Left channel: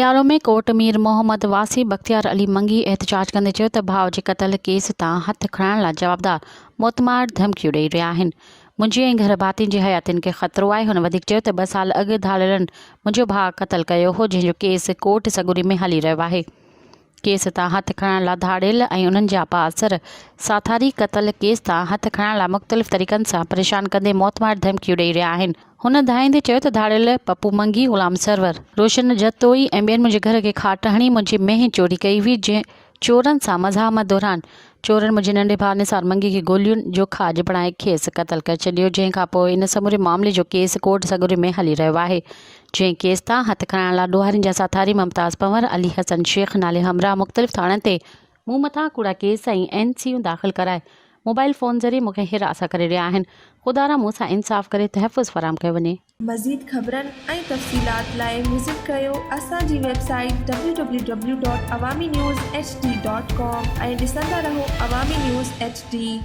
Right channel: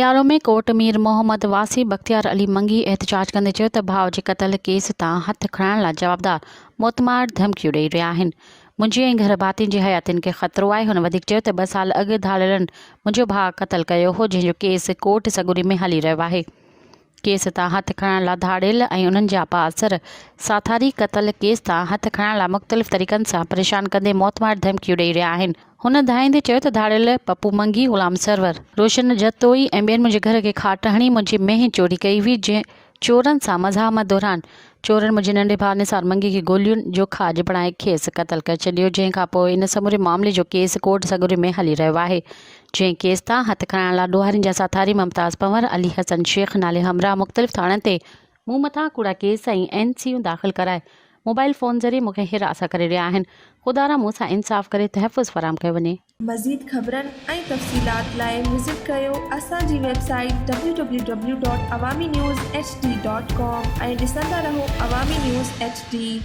रियालो में कोर्ट मीर मोहम्मद वासी बख्तियार अली मंगी एहतजाज कंदे चयो त भाउ जे क़त्ल केस तां हथ खणण लाइ जवाबदार मोतमार धमकियूं ॾेई रहिया आहिनि। मुंहिंजे ऐं घर भातियुनि जी हयातियुनि खे ख़तरो आहे। हुन वधीक चयो त 2 साल अॻु धाड़ेलनि मुंहिंजो भाउ क़त्ल कयो हो, जंहिंजो केस कोर्ट सगुरी में हली रहियो आहे। केस तां हथ खणण लाइ धाड़ेल ऐं उन्हनि जा पासर साथारी क़त्ल केस तां हथ खणण लाइ मुख़्तलिफ़ तरीक़नि सां परेशान कंदे मोतमार धमकियूं ॾेई रहिया आहिनि। हुन धाईंदे चयो त धाड़ेल पप्पू मंगी, ग़ुलाम सरवर, रोशन जतोई ऐं ॿियनि मुंहिंजे घर खे खाट हणी मुंहिंजी मेंह चोरी कई हुई। जंहिं चोरनि सां मज़ामत दौरान चोरनि मुंहिंजे नंढे भाउ निसार मंगी खे गोलियुनि जो खाज बणाए खेसि क़त्ल करे छॾियो। जंहिं खां पोइ इन समूरे मामले जो केस कोर्ट सगुरी में हली रहियो आहे। जंहिं केस तां हथ खणण लाइ ॾोहारियुनि जा साथारी मुमताज़ पंवर, अली हसन शेख नाले हमरा मुख़्तलिफ़ थाणनि ते मूं मथां कूड़ा केस ऐं NCयूं दाख़िल कराए मोबाइल फ़ोन ज़रिए मूंखे हिरास करे रहिया आहिनि। ख़ुदा मूंसां इंसाफ़ करे तहफ़ुज़ फराहम कयो वञे। मज़ीद ख़बरनि ऐं तफ़सीलात लाइ विज़िट कयो असांजी वेबसाइट www.awamiNewsHD.com ऐं ॾिसंदा रहो अवामी न्यूज़ HD।